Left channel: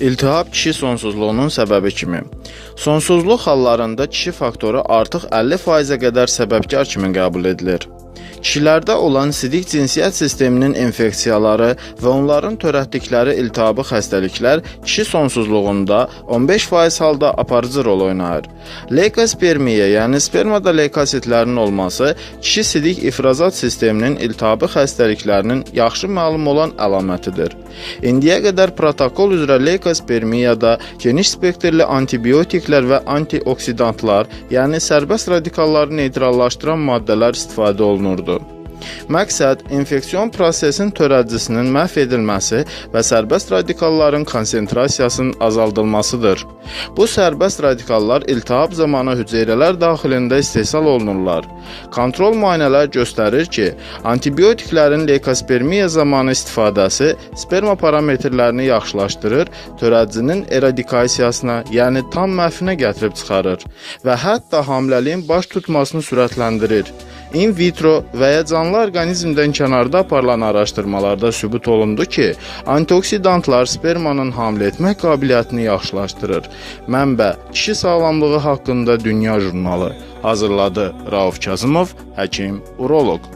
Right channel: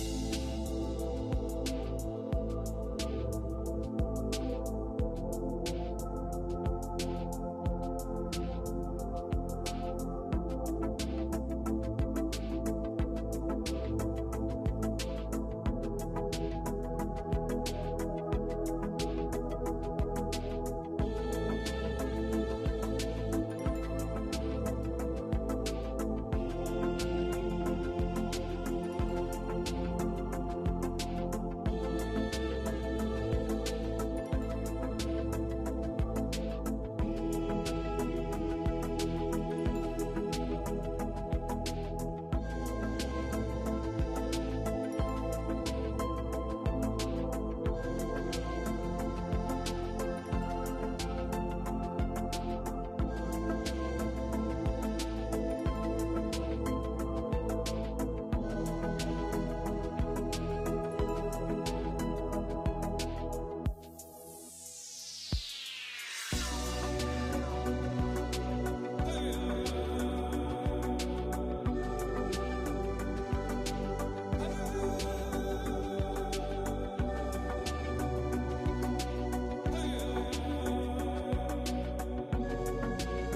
İltihab kişi sonsuzluğunun səbəbi kimi. Sonsuzluq hallarında kişi faktoru artıq 50%-ə qədər səbəbkar kimi qəbul edilir. Kişilərdə olan sidik cinsiyyət sisteminin infeksiyaları və onların törətdikləri iltihabi xəstəliklər kişi sonsuzluğunda 15% halda aparıcı rol oynayır. Leykospermiya, yəni spermada leykositlərin olması kişi sidik ifrazat sisteminin iltihabi xəstəliklərinin yaxşı məlum olan əlamətidir. İndiyə qədər protokol üzrə leykospermiyada geniş spektrli antibiotiklər və antioksidantlar, yəni sərbəst radikalları neytrallaşdıran maddələr istifadə olunurdu. Məqsəd infeksiyon prosesinin törədicisinin məhv edilməsi və sərbəst radikalların konsentrasiyasının azaldılmasıdır. Bu sərbəst radikallar iltihab zamanı hüceyrələr daxilində istehsal olunurlar. Kontrol müayinələr göstərir ki, antibiotiklərin leykospermiya zamanı istifadəsi sperma parametrlərini yaxşılaşdırır, törədicinin eradikasiyasına, yəni tam məhvinə gətirib çıxarır və hətta hamiləliyin baş tutmasını sürətləndirir. In vitro və ya canlı orqanizmdən kənarda aparılan araşdırmalarda sübut olundu ki, antioksidantlar spermanın hamilə etmək qabiliyyətini yaxşılaşdırır. Mənbə: Kişi sağlamlığı haqqında Dünya jurnalı. Hazırladı Rauf Kazımov, həkim, uroloq.